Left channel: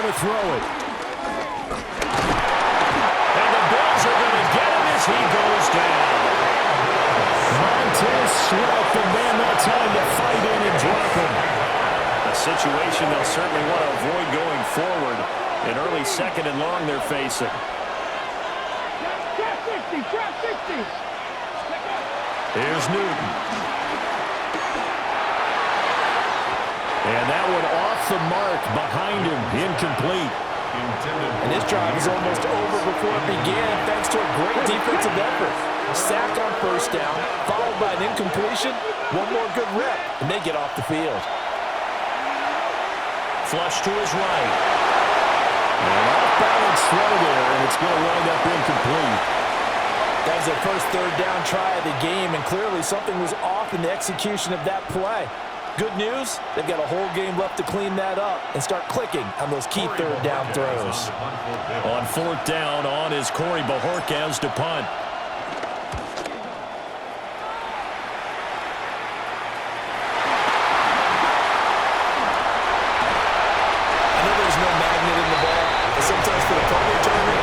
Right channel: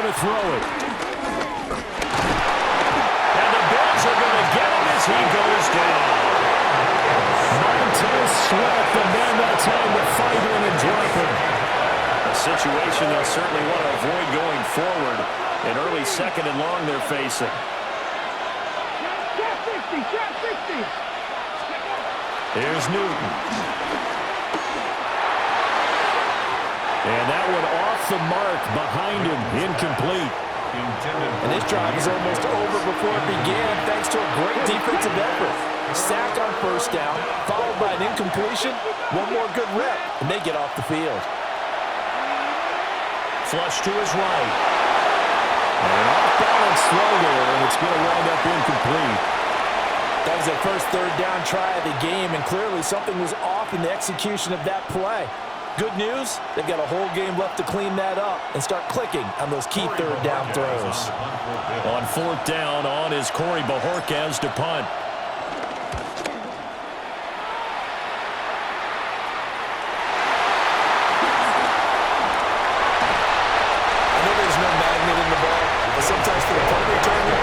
going to throw it. And the Bills are going to get him as he goes down. Montez Sweat, the man that time to fight in and drop him. A situation they'll certainly want to avoid going forward. In early second and long they're facing. Here's Newton. And that one off the mark behind him, incomplete. And this drive is almost over before it began thanks to a great defensive effort. Sack on first down, followed by an incompletion. One more good rep, and they get off the field. Flush to his right. An off-balance throw there, and it's going to wind up incomplete. That was their first third down try of the game, and clearly something was off in the execution of that play. Good news, they've got a whole game left to clean that up and start clicking on those key third down throws. On fourth down, on is Corey Bojorquez to punt. I know there's no magnet in the ball, but sometimes for the punt returner,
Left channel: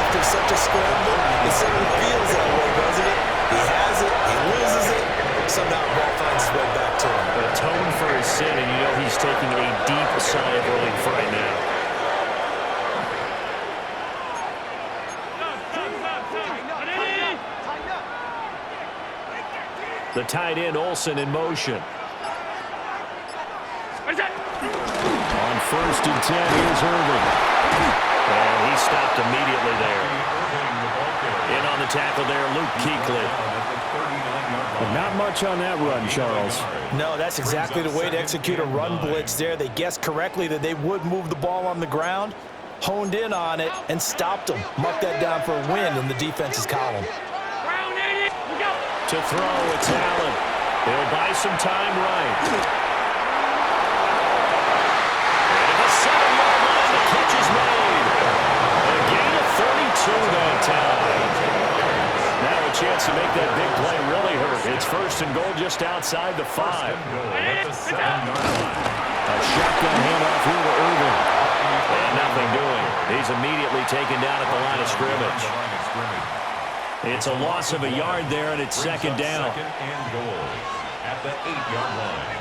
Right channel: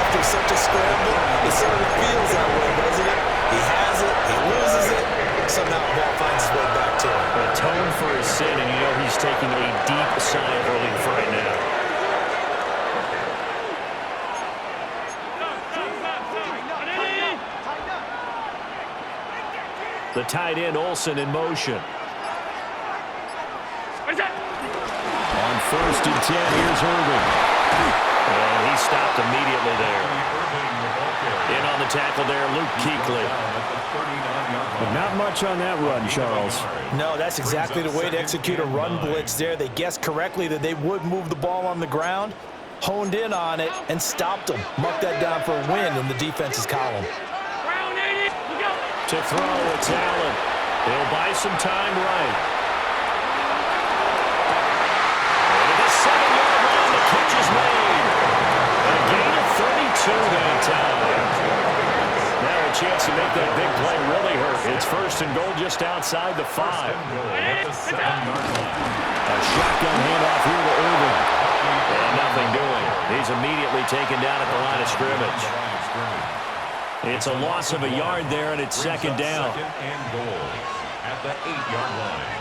after such a scramble, it sort of feels that way, doesn't it? He has it, he loses it, somehow the ball finds its way back to him. Atone for his sin, and you know he's taking a deep sigh of relief right now. The tight end, Olsen, in motion. On first and 10, here's Irving. And he stopped immediately there. In on the tackle there, Luke Kuechly. But not much on that run, Charles. No, that's exactly the way to execute a run blitz there. They guessed correctly that they would move the ball on the ground, honed in on it, and stopped them. Marked that down for a win in the defense's column. To throw, it's Allen. He'll buy some time right. And at the 7-yard line, the catch is made. A gain of 32 that time. Now a chance to make that big play really hurt. It's first and goal just outside the 5. A shotgun handoff here to Irving. And nothing doing. He's immediately taken down at the line of scrimmage. It's a loss of a yard there, and it's second down. Second and goal at the 8-yard line.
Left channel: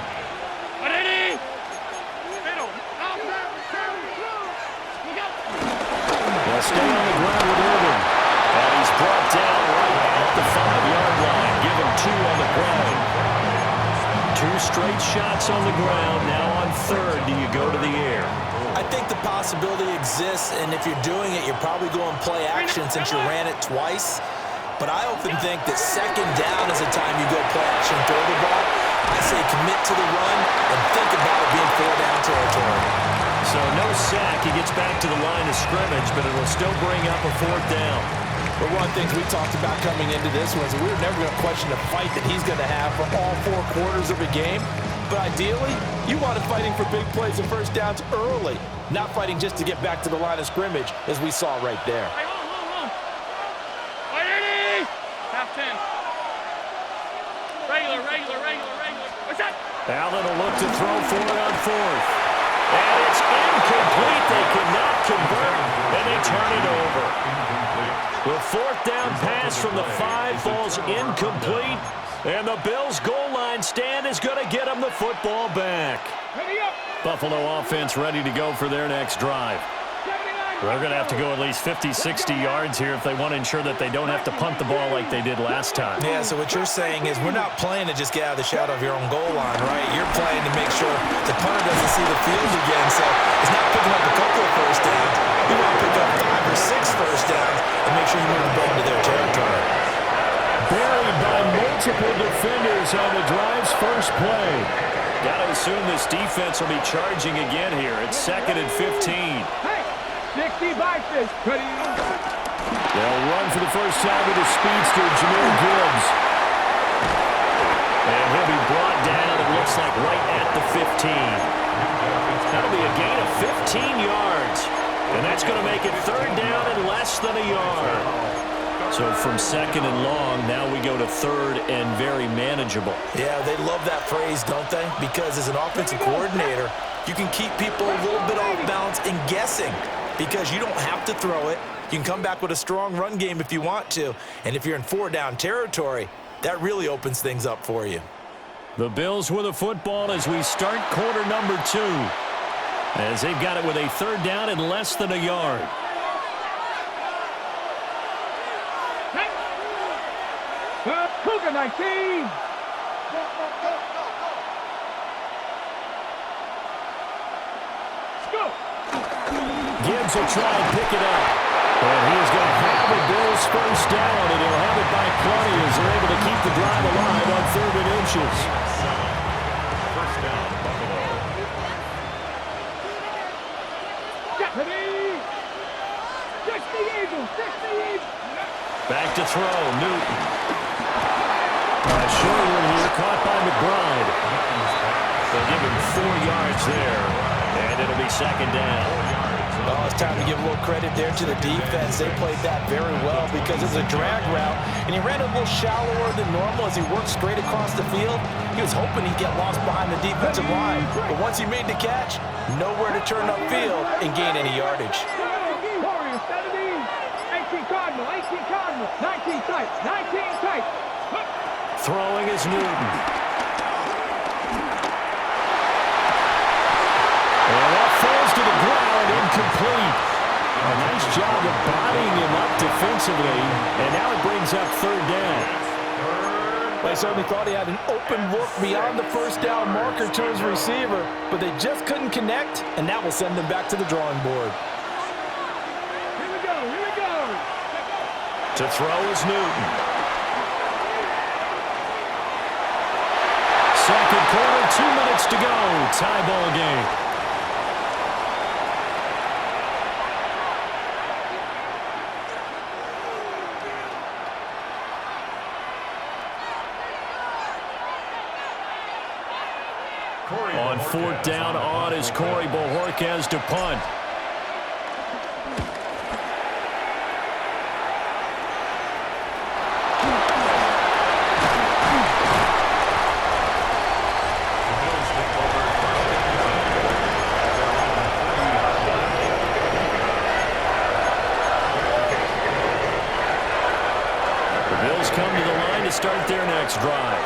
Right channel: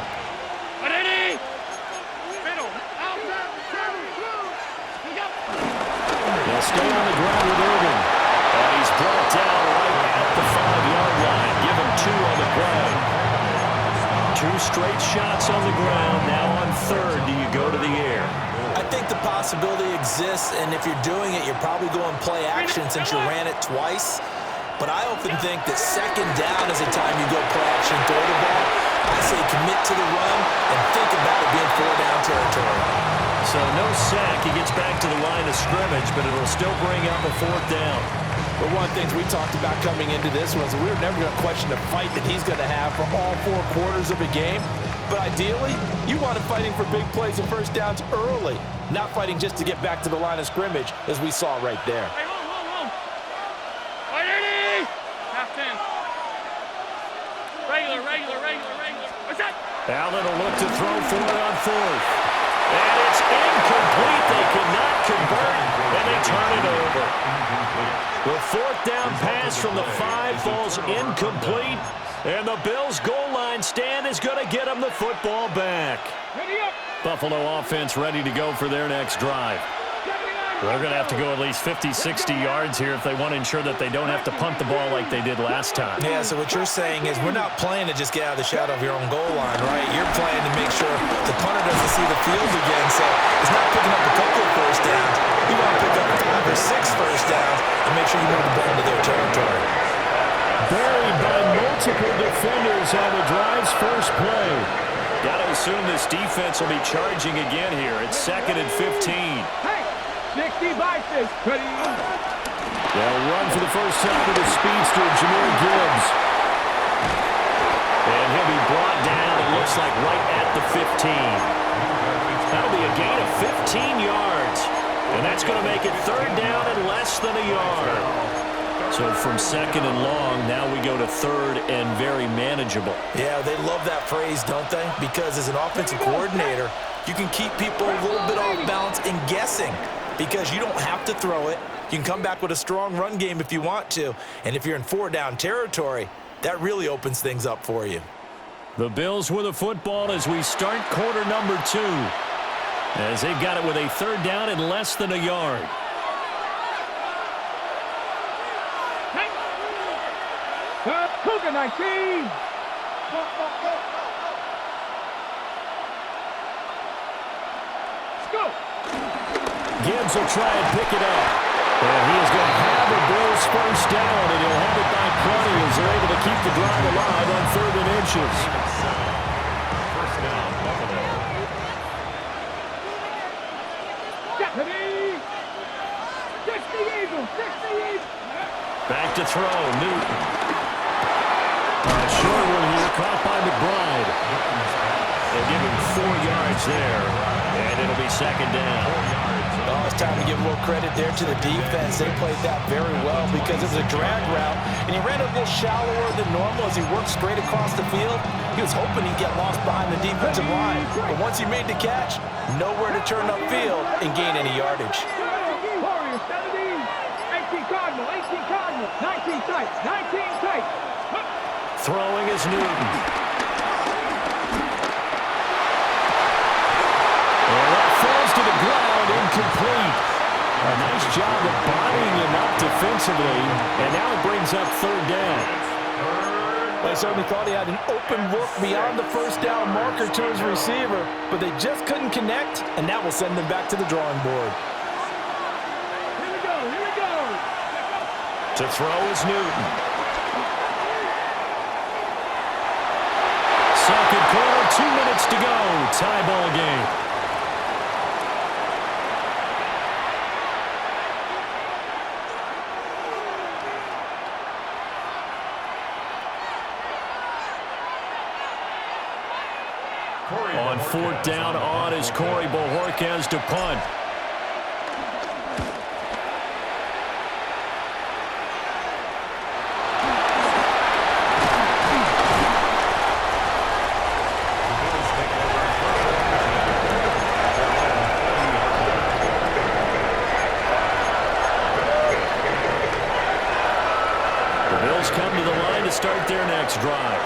They'll stay on the ground with Irving. And he's brought down right at the 5-yard line. Give him 2 on the play. 2 straight shots on the ground. Now on third, do you go to the air? I think the possibility exists, and if you're doing it, you're probably going play action since you ran it twice. But I often think that second down is the time you go play action and throw the ball. I say commit to the run and think about it being 4-down territory. So no sack. He gets back to the line of scrimmage, but it'll still bring up a 4th down. But one of the things we talked about coming into this was we were never going to question the fight that he's going to have for all 4 quarters of a game. But ideally, you want him fighting for big plays and first downs early, not fighting just to get back to the line of scrimmage, as we saw right there. Regular. What's that? Allen will look to throw for it on 4th. And it's incomplete. They could not convert, and they turn it over. The 4th down pass from the 5 falls incomplete, and the Bills' goal line stand is going to get them the football back. Buffalo offense ready to go for their next drive. They're going to have to go at least 50, 60 yards here if they want to ensure that they don't have to punt the ball like they did last time. Yeah, so what you're saying is we're not playing to just get out of the shadow of your own goal line, right? You're playing to make sure the punter doesn't see the field again, so it's not picking up a couple of first downs. You want to pick up 5 or 6 first downs and make sure you move the ball into their territory. Buried by multiple defenders on the drive's first play. Got to assume this defense will be charging again here. It's 2nd and 15. 60 biceps. They'll run for the first time with the speedster, Jahmyr Gibbs. And he'll be brought down, it looks like, right at the 15. That'll be a gain of 15 yards. And that's going to make it 3rd down and less than a yard. So from 2nd and long, now we go to 3rd and very manageable. Yeah, they love that phrase, don't they? Because as an offensive coordinator, you can keep people a little bit off balance and guessing because you don't have to throw it. You can come back with a strong run game if you want to. And if you're in 4-down territory, that really opens things up for you. The Bills with a football as we start quarter number 2. As they've got it with a 3rd down and less than a yard. Cougar 19. Go. Gibbs will try and pick it up. And he is going to have a Bills first down, and he'll have it by plenty as they're able to keep the drive alive on 3rd and inches. First down, Buffalo. Deputy. 60 Eagles. 60 Eagles. Back to throw, Newton. A short one here, caught by McBride. They'll give him 4 yards there, and it'll be 2nd down. Oh, it's time to give a little credit there to the defense. They played that very well because it was a drag route, and he ran a little shallower than normal as he worked straight across the field. He was hoping he'd get lost behind the defensive line, but once he made the catch, nowhere to turn upfield and gain any yardage. Warriors 17. 18 Cardinal. 18 Cardinal. 19 tight. 19 tight. Throwing is Newton. And that falls to the ground, incomplete. A nice job of bodying him up defensively, and now it brings up 3rd down. They certainly thought he had an open look beyond the first down marker to his receiver, but they just couldn't connect, and that will send them back to the drawing board. Here we go. Here we go. To throw is Newton. 2nd quarter, 2 minutes to go. Tie ball game. On 4th down, on is Corey Bojorquez to punt. The Bills come to the line to start their next drive.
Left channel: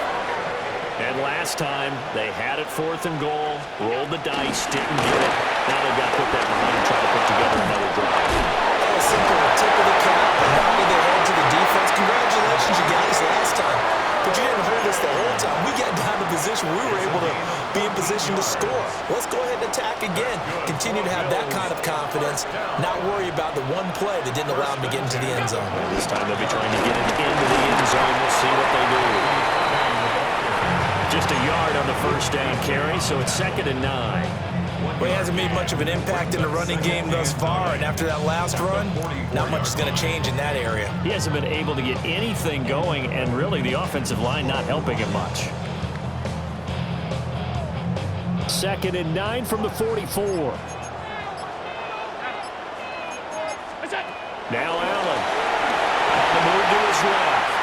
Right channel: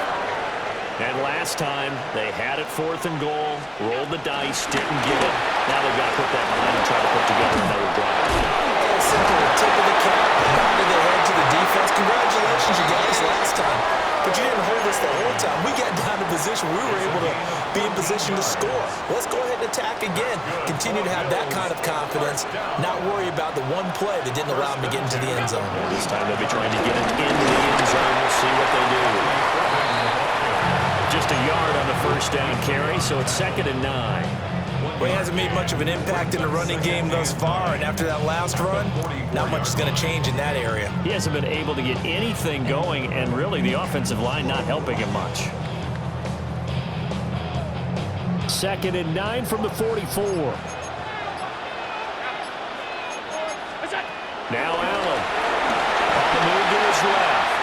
And last time, they had it 4th and goal, rolled the dice, didn't get it. Now they've got to put that behind and try to put together another drive. A simple tip of the cap, a nod of the head to the defense. Congratulations, you got us last time. But you didn't hold us the whole time. We got down to position. We were able to be in position to score. Let's go ahead and attack again. Continue to have that kind of confidence, not worry about the one play that didn't allow them to get into the end zone. And this time they'll be trying to get it into the end zone. We'll see what they do. Just a yard on the first down carry, so it's 2nd and 9. Well, he hasn't made much of an impact in the running game thus far, and after that last run, not much is going to change in that area. He hasn't been able to get anything going, and really the offensive line not helping him much. 2nd and 9 from the 44. Now Allen on the move to his left.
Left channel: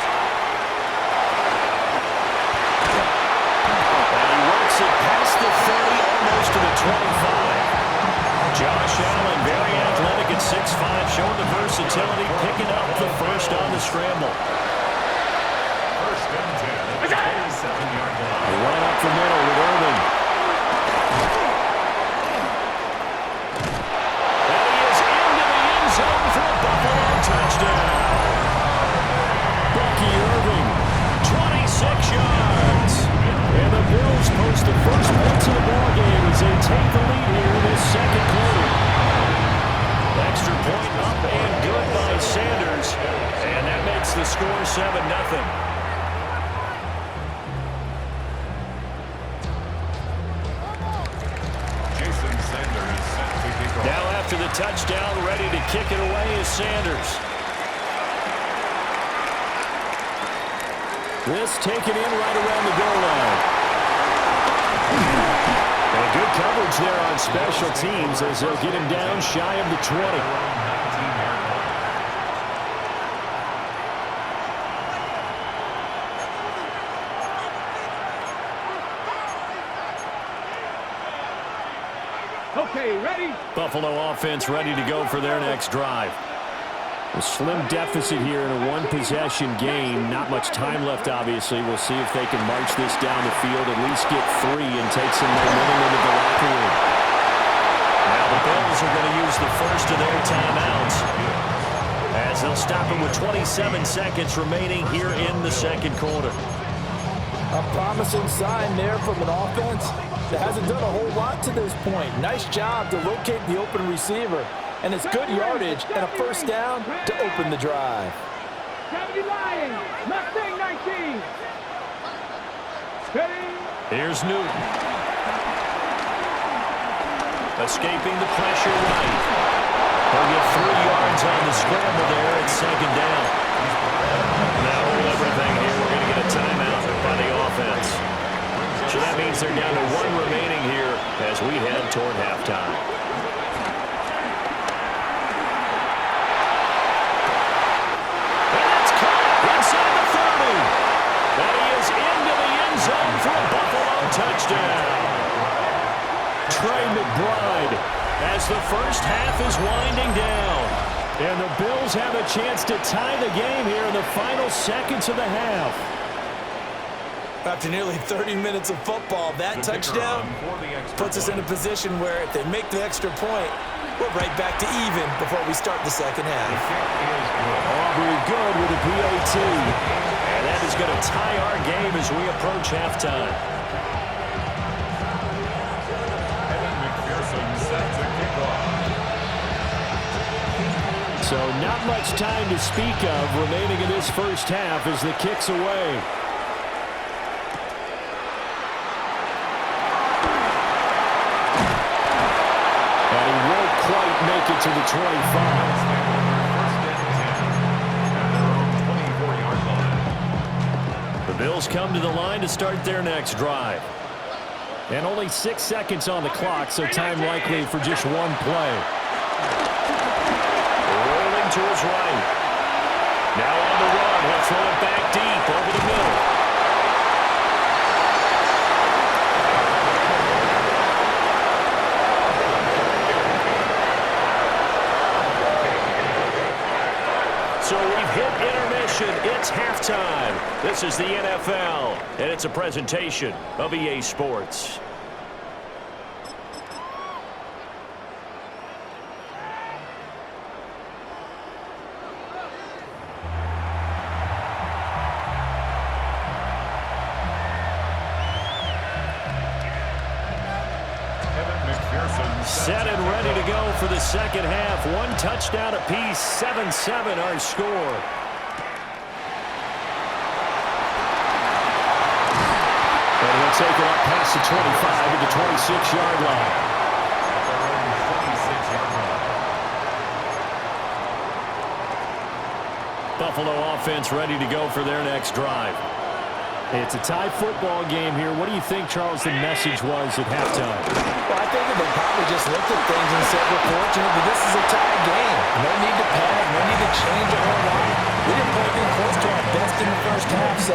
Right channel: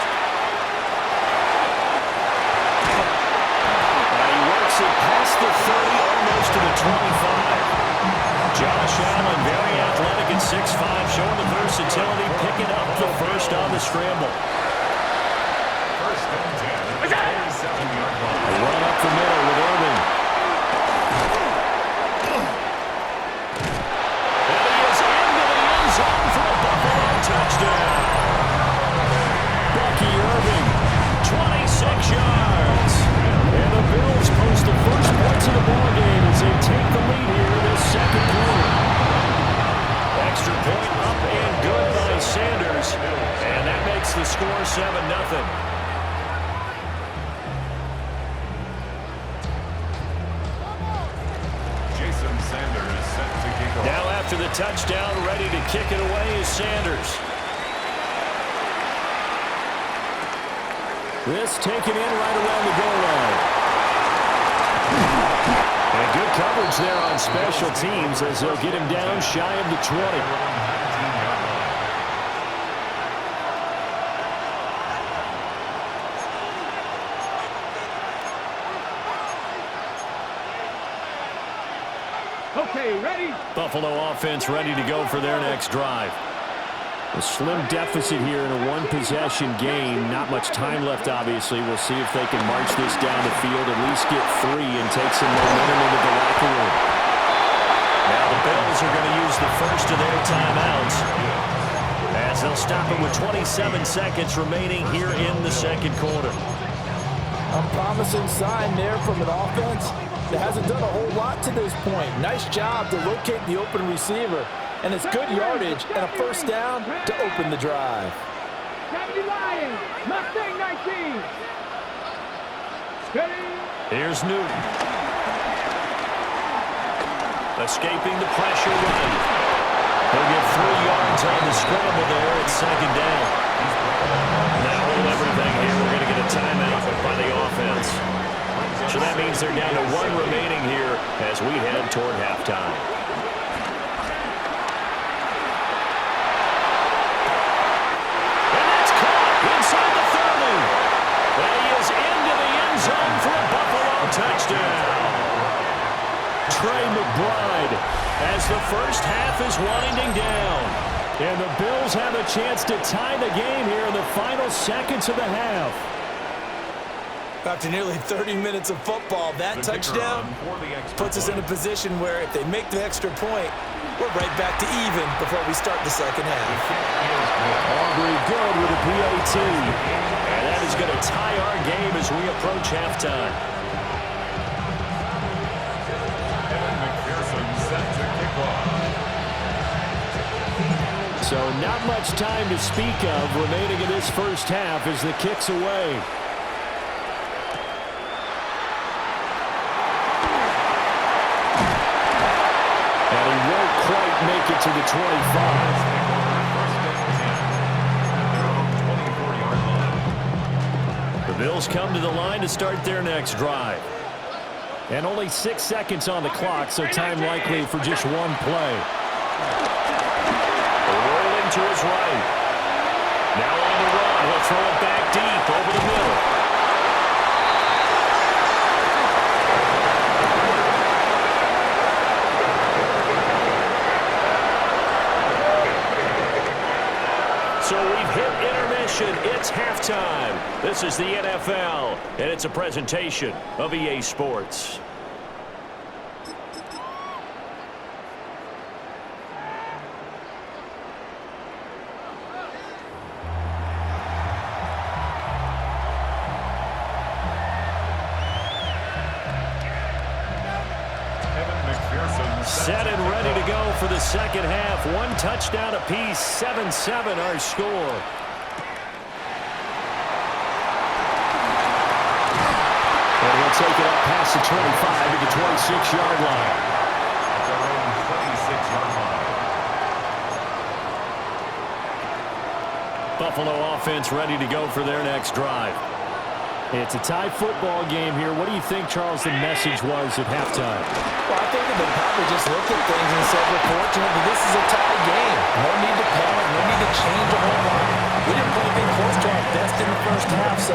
It past the 30, almost to the 25. Josh Allen, very athletic at 6'5", showing the versatility, picking up the first on the scramble. First and 10 at the 27-yard line. A run up the middle with Irving. And he is into the end zone for a Buffalo touchdown. Bucky Irving, 26 yards. And the Bills post the first points of the ballgame as they take the lead here this 2nd quarter. Extra point up and good by Sanders. And that makes the score 7-0. Jason Sanders set to kick off. Now after the touchdown, ready to kick it away is Sanders. This taken in right around the goal line. And good coverage there on special teams as they'll get him down shy of the 20. Okay, ready? Buffalo offense ready to go for their next drive. A slim deficit here in a one-possession game. Not much time left, obviously. We'll see if they can march this down the field, at least get 3 and take some momentum into the locker room. Now the Bills are going to use the first of their timeouts as they'll stop it with 27 seconds remaining here in the second quarter. A promising sign there from an offense that hasn't done a whole lot to this point. Nice job to locate the open receiver. And it's good yardage and a first down to open the drive. 70 Lions, Mustang 19. Ready? Here's Newton. Escaping the pressure right. He'll get 3 yards on the scramble there. It's second down. Now hold everything here. We're going to get a timeout by the offense. So that means they're down to 1 remaining here as we head toward halftime. Inside the 30. And he is into the end zone for a Buffalo touchdown. Trey McBride as the first half is winding down. And the Bills have a chance to tie the game here in the final seconds of the half. After nearly 30 minutes of football, that touchdown puts us in a position where if they make the extra point, we're right back to even before we start the second half. Aubrey good with a PAT. And that is going to tie our game as we approach halftime. Evan McPherson set to kick off. So not much time to speak of remaining in this first half as the kick's away. And he won't quite make it to the 25. First and 10 at their own 24-yard line. The Bills come to the line to start their next drive. And only 6 seconds on the clock, so time likely for just one play. Rolling to his right. Now on the run, he'll throw it back deep over the middle. So we've hit intermission. It's halftime. This is the NFL, and it's a presentation of EA Sports. Set and ready to go for the second half. 1 touchdown apiece, 7-7 our score. And he'll take it up past the 25 to the 26-yard line. At their own 26-yard line. Buffalo offense ready to go for their next drive. It's a tie football game here. What do you think, Charles, the message was at halftime? Well, I think that they probably just looked at things and said, we're fortunate that this is a tie game. No need to panic. No need to change a whole lot. We didn't play anything close to our best in the first half, so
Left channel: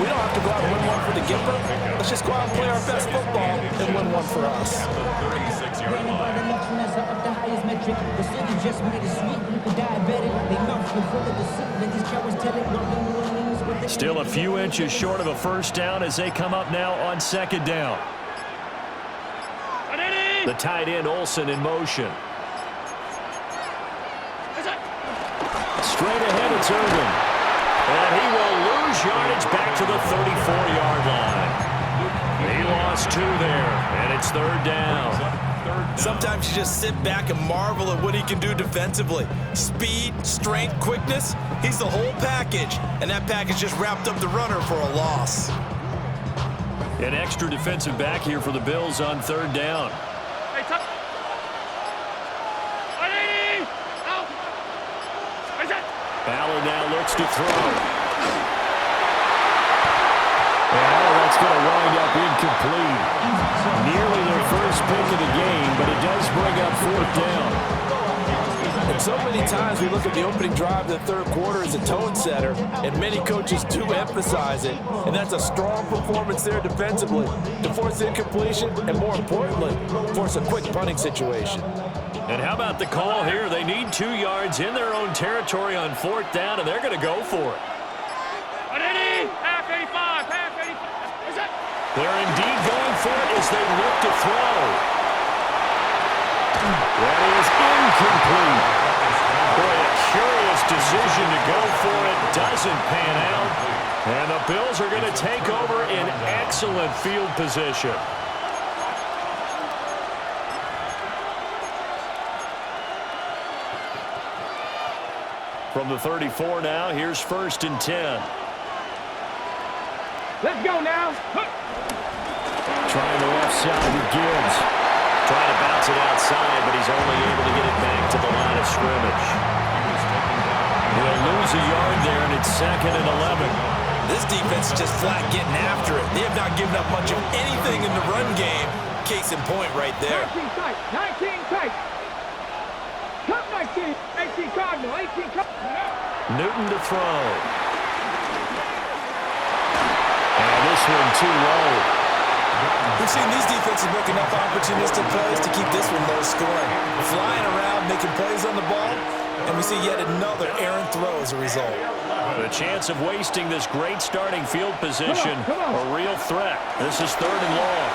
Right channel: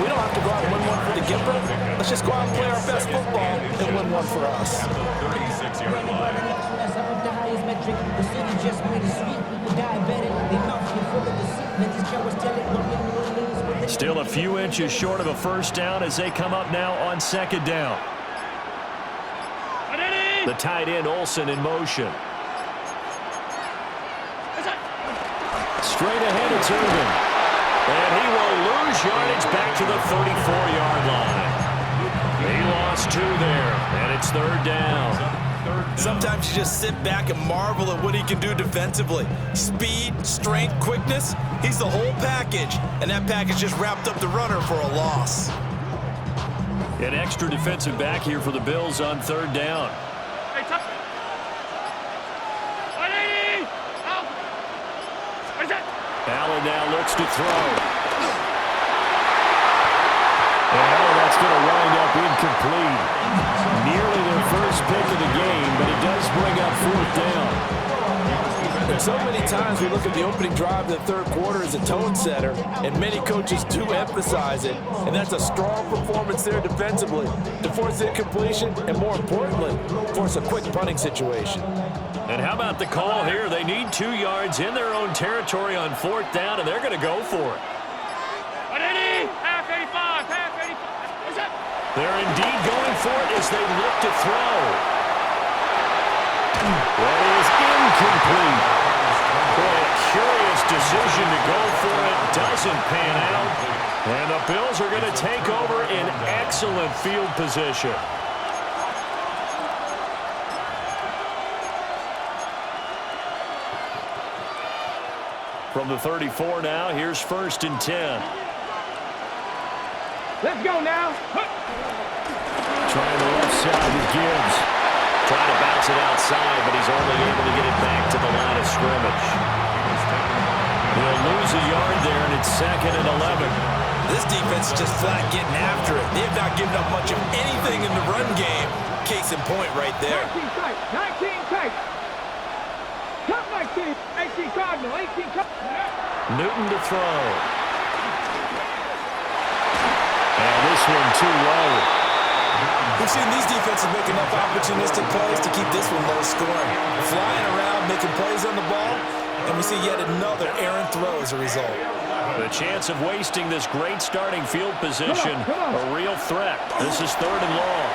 we don't have to go out and win one for the Gipper. Let's just go out and play our best football and win one for us. At the 36-yard line. The city just made it sweet. People diabetic. They mouth you full of deceit. Let these cowards tell it. Walking New Orleans with the Still a few inches short of a first down as they come up now on second down. The tight end Olsen in motion. Straight ahead it's Irvin. And he will lose yardage back to the 34-yard line. He lost 2 there, and it's third down. Sometimes you just sit back and marvel at what he can do defensively. Speed, strength, quickness, he's the whole package. And that package just wrapped up the runner for a loss. An extra defensive back here for the Bills on third down. Allen now looks to throw. And that's going to wind up incomplete. Nearly their first pick of the game, but it does bring up fourth down. And so many times we look at the opening drive of the third quarter as a tone setter, and many coaches do emphasize it. And that's a strong performance there defensively to force incompletion and, more importantly, force a quick punting situation. And how about the call here? They need 2 yards in their own territory on 4th down, and they're going to go for it. Half 85, half 85. They're indeed going for it as they look to throw. That is incomplete. Boy, a curious decision to go for it. Doesn't pan out. And the Bills are going to take over in excellent field position. From the 34 now, here's 1st and 10. Let's go now. Trying the left side with Gibbs. Trying to bounce it outside, but he's only able to get it back to the line of scrimmage. He'll lose a yard there, and it's 2nd and 11. This defense is just flat getting after it. They have not given up much of anything in the run game. Case in point right there. 19 tight, 19 tight. Cut 19, 18 Cardinal, 18 Cardinal. Newton to throw. And this one too low. We've seen these defenses make enough opportunistic plays to keep this one low scoring. Flying around, making plays on the ball, and we see yet another errant throw as a result. The chance of wasting this great starting field position, a real threat. This is 3rd and long.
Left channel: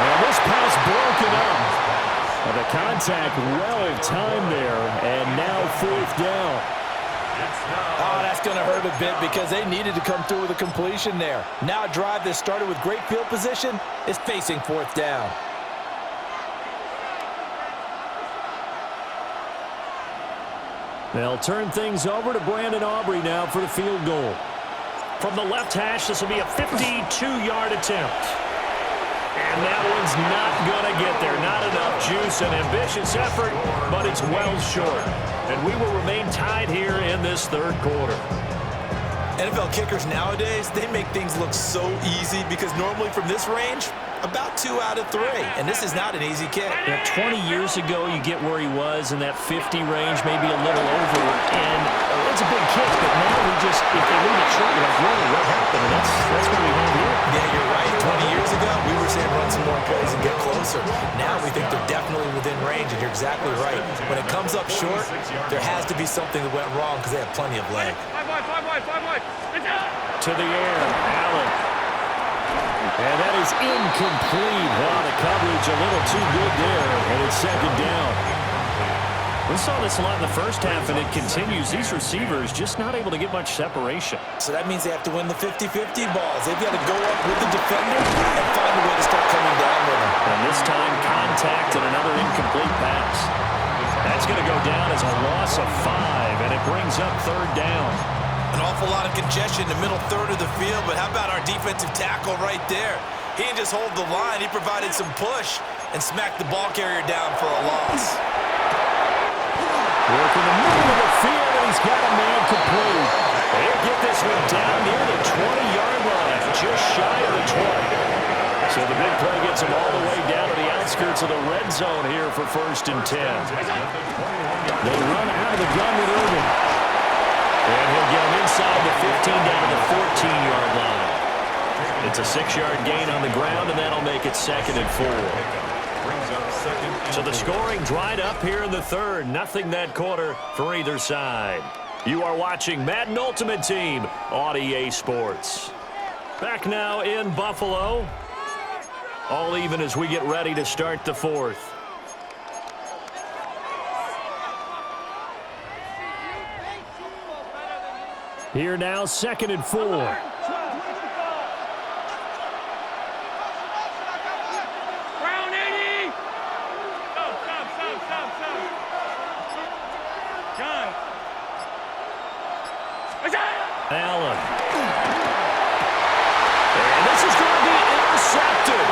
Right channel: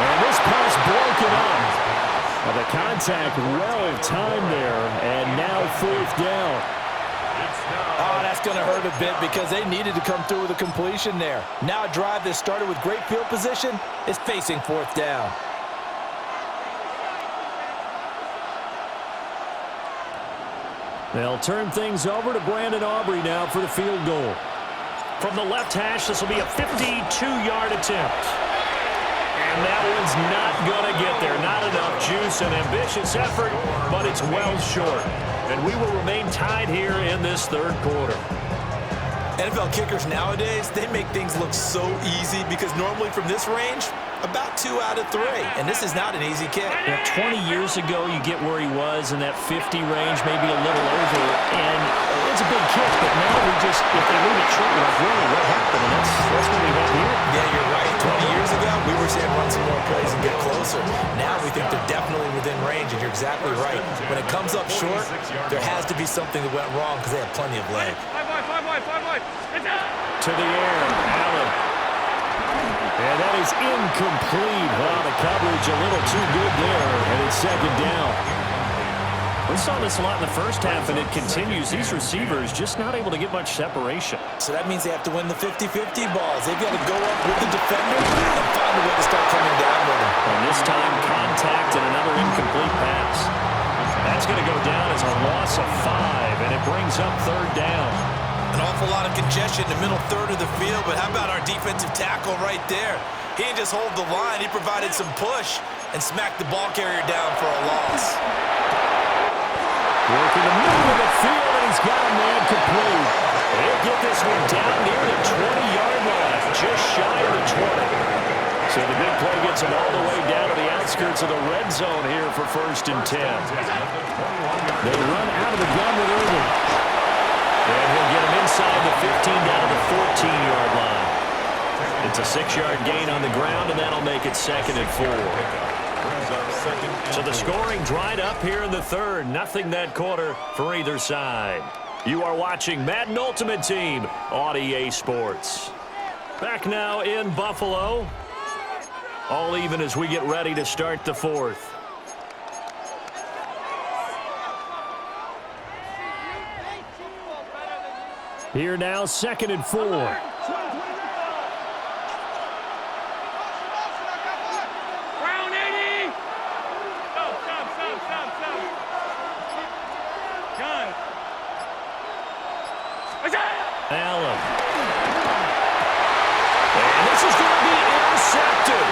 And this pass broken up. The contact well timed there, and now 4th down. Oh, that's going to hurt a bit because they needed to come through with a completion there. Now a drive that started with great field position is facing 4th down. They'll turn things over to Brandon Aubrey now for the field goal. From the left hash, this will be a 52-yard attempt. And that one's not going to get there. Not enough juice, an ambitious effort, but it's well short. And we will remain tied here in this 3rd quarter. NFL kickers nowadays, they make things look so easy because normally from this range, about 2 out of 3. And this is not an easy kick. Yeah, 20 years ago, you get where he was in that 50 range, maybe a little over. And it's a big kick, but now we just, if they leave it short, we're like, really, what happened? And that's what we have here. Yeah, you're right. 20 years ago, we were saying run some more plays and get closer. Now we think they're definitely within range, and you're exactly right. When it comes up short, there has to be something that went wrong because they have plenty of leg. 5 wide. To the air, Allen. And that is incomplete. Oh, the coverage a little too good there, and it's 2nd down. We saw this a lot in the first half, and it continues. These receivers just not able to get much separation. So that means they have to win the 50-50 balls. They've got to go up with the defender and find a way to start coming down with them. And this time, contact and another incomplete pass. That's going to go down as a loss of 5, and it brings up 3rd down. An awful lot of congestion in the middle third of the field, but how about our defensive tackle right there? He didn't just hold the line. He provided some push and smacked the ball carrier down for a loss. Work in the middle of the field, and he's got a man complete. He'll get this one down near the 20-yard line, just shy of the 20. So the big play gets him all the way down to the outskirts of the red zone here for 1st and 10. They run out of the gun with Irvin. And he'll get him inside the 15 down to the 14-yard line. It's a 6-yard gain on the ground, and that'll make it 2nd and 4. So the scoring dried up here in the 3rd. Nothing that quarter for either side. You are watching Madden Ultimate Team on EA Sports. Back now in Buffalo. All even as we get ready to start the 4th. Here now, 2nd and 4. Allen. And this is going to be intercepted.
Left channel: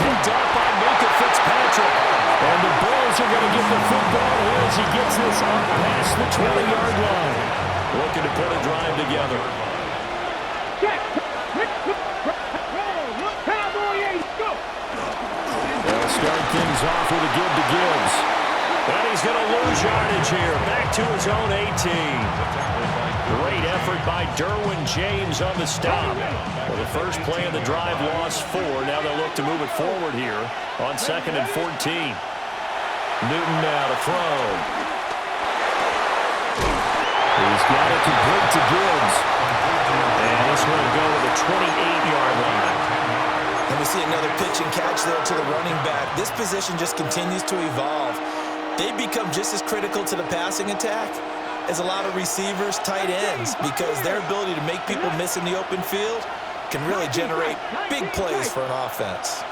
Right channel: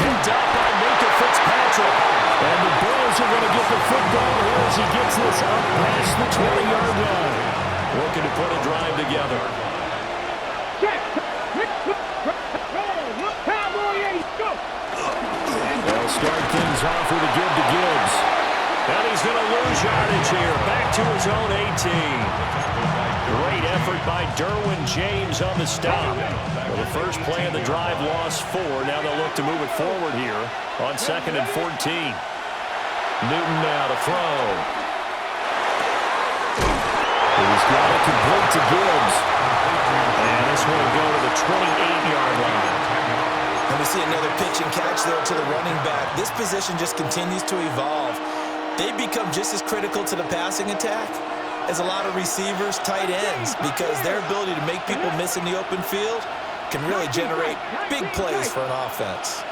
Picked up by Minkah Fitzpatrick. And the Bills are going to get the football here as he gets this up past the 20-yard line. Looking to put a drive together. They'll start things off with a give to Gibbs. And he's going to lose yardage here. Back to his own 18. Great effort by Derwin James on the stop. Well, the first play of the drive lost 4. Now they'll look to move it forward here on 2nd and 14. Newton now to throw. He's got it complete to Gibbs. And this one will go to the 28-yard line. And we see another pitch and catch there to the running back. This position just continues to evolve. They become just as critical to the passing attack as a lot of receivers, tight ends, because their ability to make people miss in the open field can really generate big plays for an offense.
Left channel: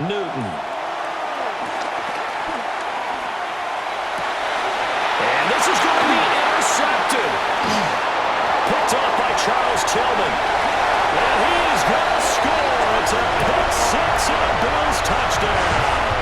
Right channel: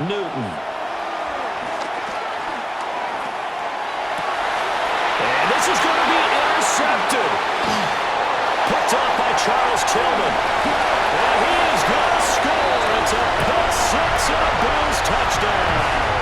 Newton. And this is going to be intercepted. Picked off by Charles Tillman. And he's going to score. It's a pick six and a Bills touchdown.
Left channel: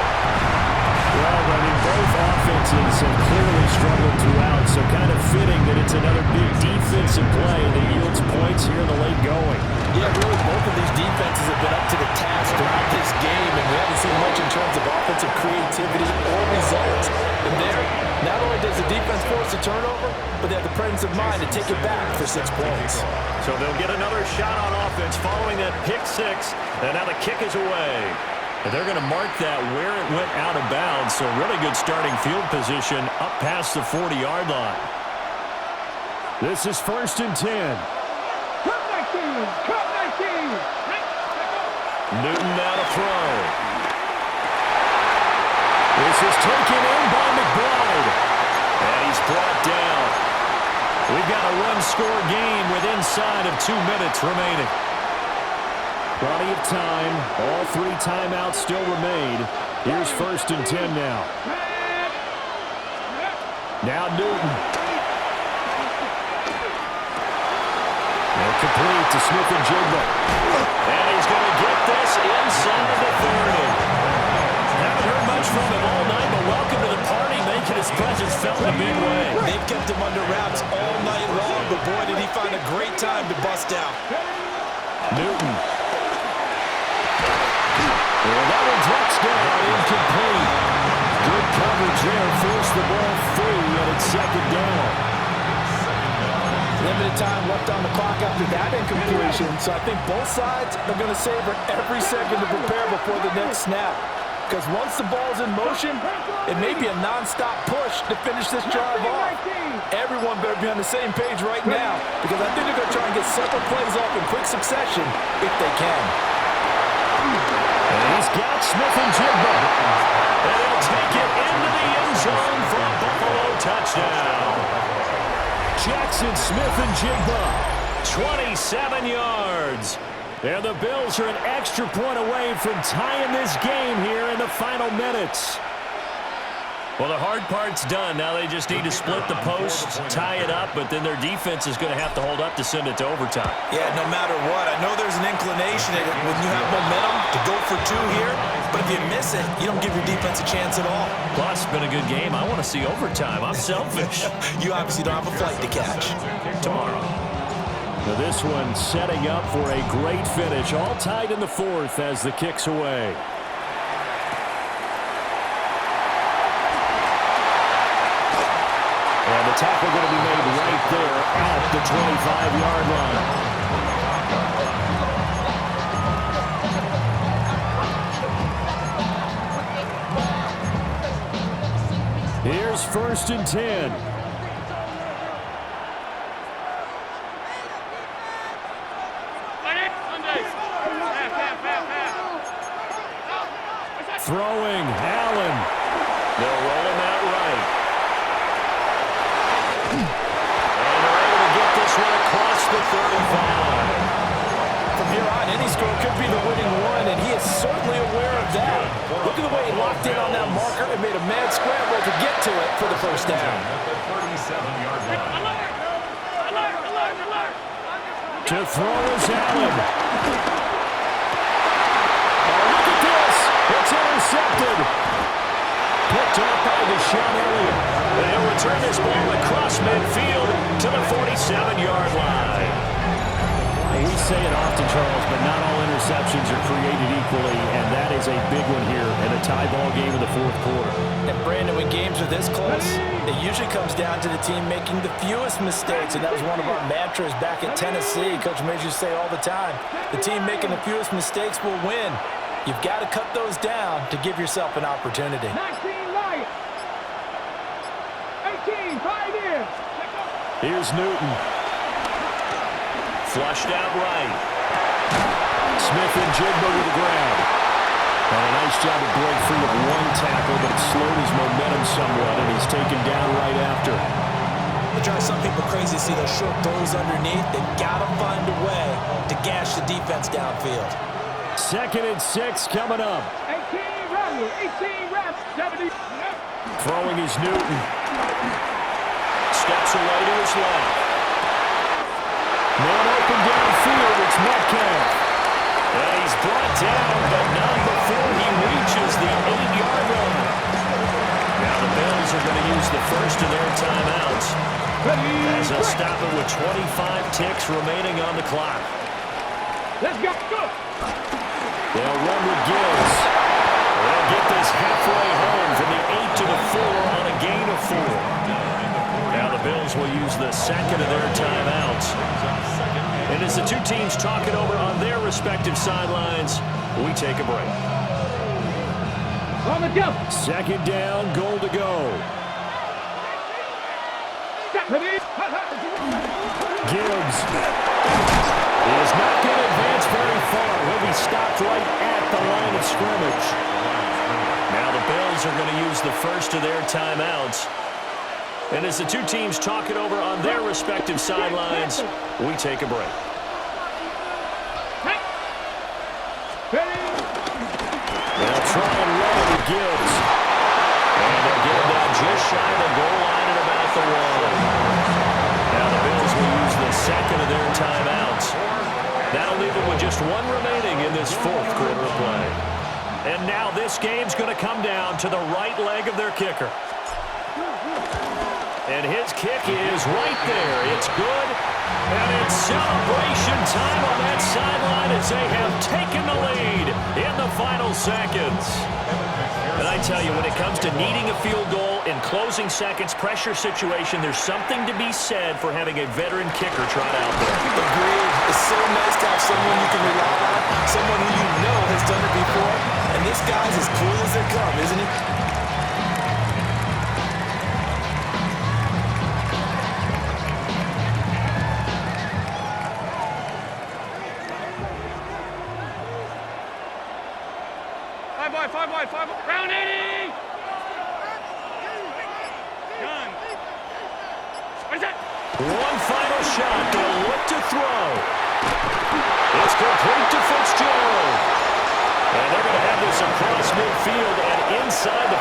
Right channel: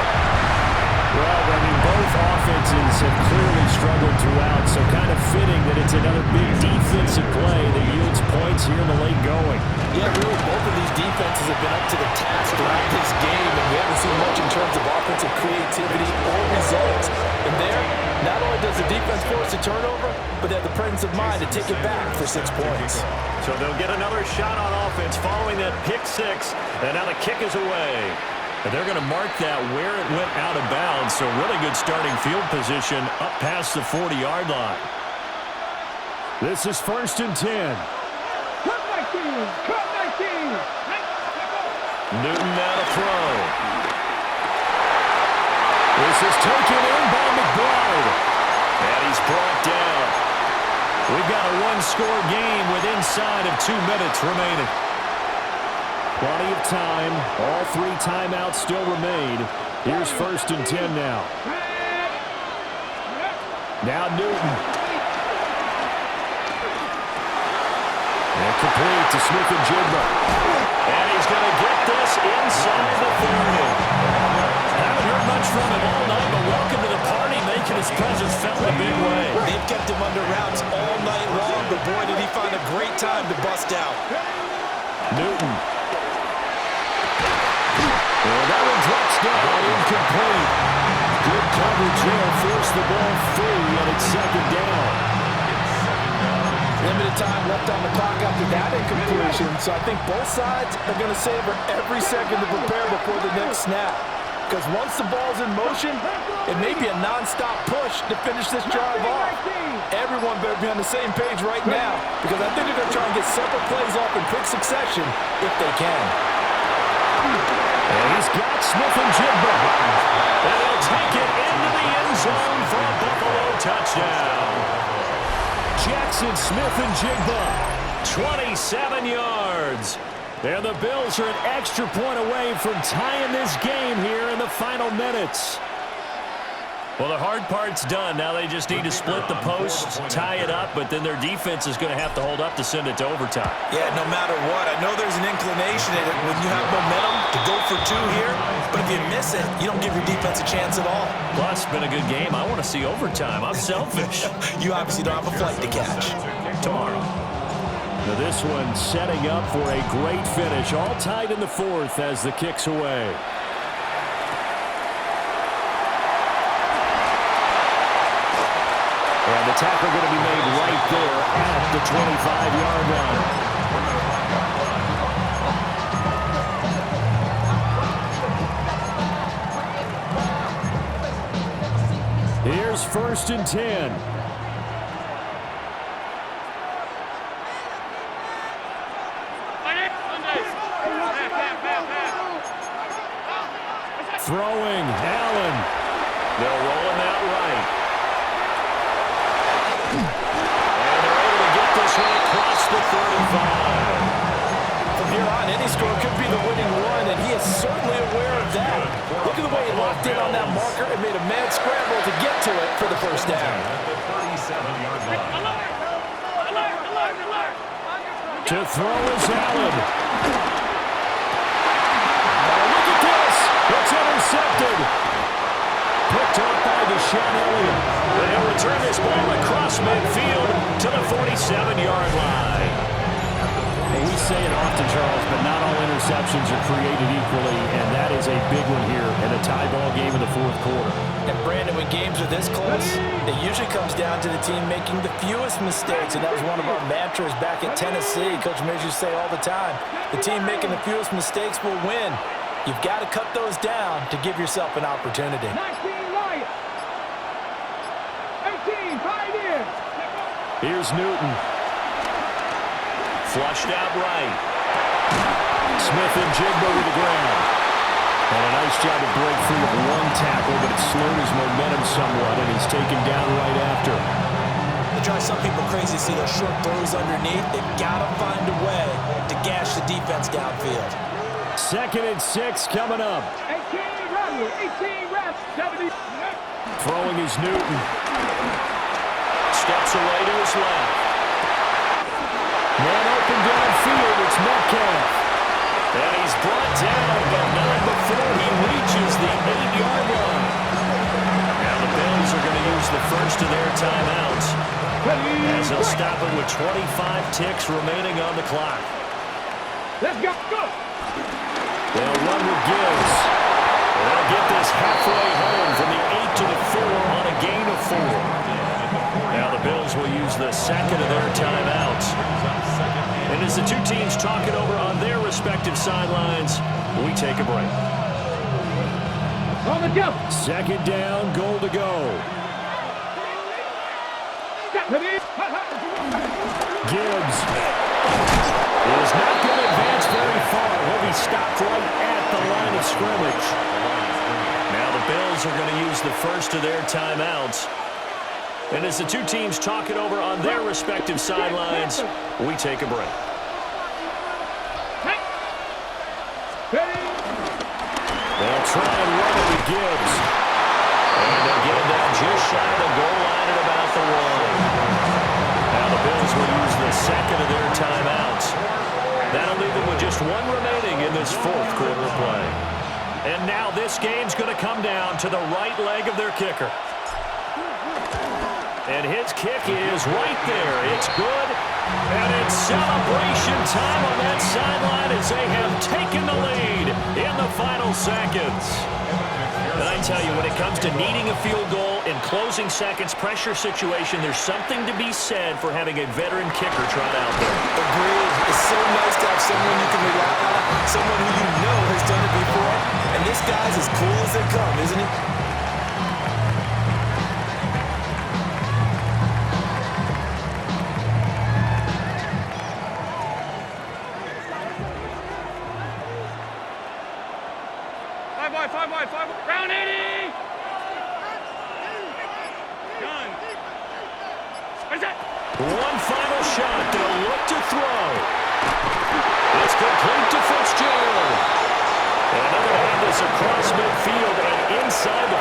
Well, I mean, both offenses have clearly struggled throughout, so kind of fitting that it's another big defensive play that yields points here in the late going. Yeah, really, both of these defenses have been up to the task throughout this game, and we haven't seen much in terms of offensive creativity or results. And there, not only does the defense force a turnover, but they have the presence of mind to take it back for 6 points. So they'll get another shot on offense following that pick six, and now the kick is away. And they're going to mark that where it went out of bounds, so really good starting field position up past the 40-yard line. This is 1st and 10. Cut 19! Cut 19! Newton now to throw. This is taken in by McBride. And he's brought down. We've got a one-score game with inside of 2 minutes remaining. Plenty of time. All 3 timeouts still remain. Here's 1st and 10 now. Now Newton. And complete to Smith-Njigba. And he's going to get this inside the 30. Haven't heard much from him all night, but welcome to the party, making his presence felt in a big way. They've kept him under wraps all night long, but boy, did he find a great time to bust out. Newton. And that one drops down, incomplete. Good coverage there, forced the ball free, and it's 2nd down. Limited time left on the clock after that incompletion, so I think both sides are going to savor every second to prepare before the next snap. Because once the ball's in motion, it may be a non-stop push to finish this drive off. Everyone better be on the same page right now, because I think they're going to try and get several plays off in quick succession if they can. And he's got Smith-Njigba. And he'll take it into the end zone for a Buffalo touchdown. Jackson Smith-Njigba, 27 yards. And the Bills are an extra point away from tying this game here in the final minutes. Well, the hard part's done. Now they just need to split the posts, tie it up, but then their defense is going to have to hold up to send it to overtime. Yeah, no matter what. I know there's an inclination in it when you have momentum to go for 2 here, but if you miss it, you don't give your defense a chance at all. Plus, it's been a good game. I want to see overtime. I'm selfish. You obviously don't have a flight to catch. Tomorrow. Now this one setting up for a great finish. All tied in the 4th as the kick's away. And the tackle going to be made right there at the 25-yard line. Here's 1st and 10. Throwing, Allen. They'll roll him out right. And they're able to get this one across the 35. From here on, any score could be the winning one, and he is certainly aware of that. Look at the way he locked in on that marker and made a mad scramble to get to it for the first down. At the 37-yard line. To throw is Allen. Oh, look at this. It's intercepted. Picked off by Deshaun Elliott. They'll return this ball across midfield to the 47-yard line. We say it often, Charles, but not all interceptions are created equally, and that is a big one here in a tie ball game in the fourth quarter. And Brandon, when games are this close, it usually comes down to the team making the fewest mistakes, and that was one of our mantras back at Tennessee. Coach Majors say all the time, the team making the fewest mistakes will win. You've got to cut those down to give yourself an opportunity. 19 Lions. 18 Pioneers. Here's Newton. Flushed out right. Smith and Jigba with the ground. And a nice job to break free of one tackle, but it slowed his momentum somewhat, and he's taken down right after. It drives some people crazy to see those short throws underneath. They've got to find a way to gash the defense downfield. 2nd and 6 coming up. 18 Ramsey. 18 Ramsey. 70. Throwing is Newton. Steps away to his left. Man open downfield, it's Metcalf. And he's brought down, but not before he reaches the 8-yard line. Now the Bills are going to use the first of their timeouts, as they'll stop it with 25 ticks remaining on the clock. Let's go. Go. They'll run with Gibbs. They'll get this halfway home from the 8 to the 4 on a gain of 4. Now the Bills will use the second of their timeouts. And as the two teams talk it over on their respective sidelines, we take a break. On the jump. 2nd down, goal to go. Gibbs is not going to advance very far. He'll be stopped right at the line of scrimmage. Now the Bills are going to use the first of their timeouts. And as the two teams talk it over on their respective sidelines, we take a break. They'll try and run it with Gibbs. And they'll get him down just shy of the goal line at about the 1. Now the Bills will use the second of their timeouts. That'll leave them with just one remaining in this fourth quarter of play. And now this game's going to come down to the right leg of their kicker. And his kick is right there. It's good. And it's celebration time on that sideline as they have taken the lead in the final seconds. And I tell you, when it comes to needing a field goal in closing seconds, pressure situation, there's something to be said for having a veteran kicker trot out there. Agreed. It's so nice to have someone you can rely on, someone who you know has done it before. And this guy's as cool as they come, isn't he? Five wide. Round 80. Done. What is that? One final shot. They'll look to throw. It's complete to Fitzgerald. And they're going to have this across midfield and inside the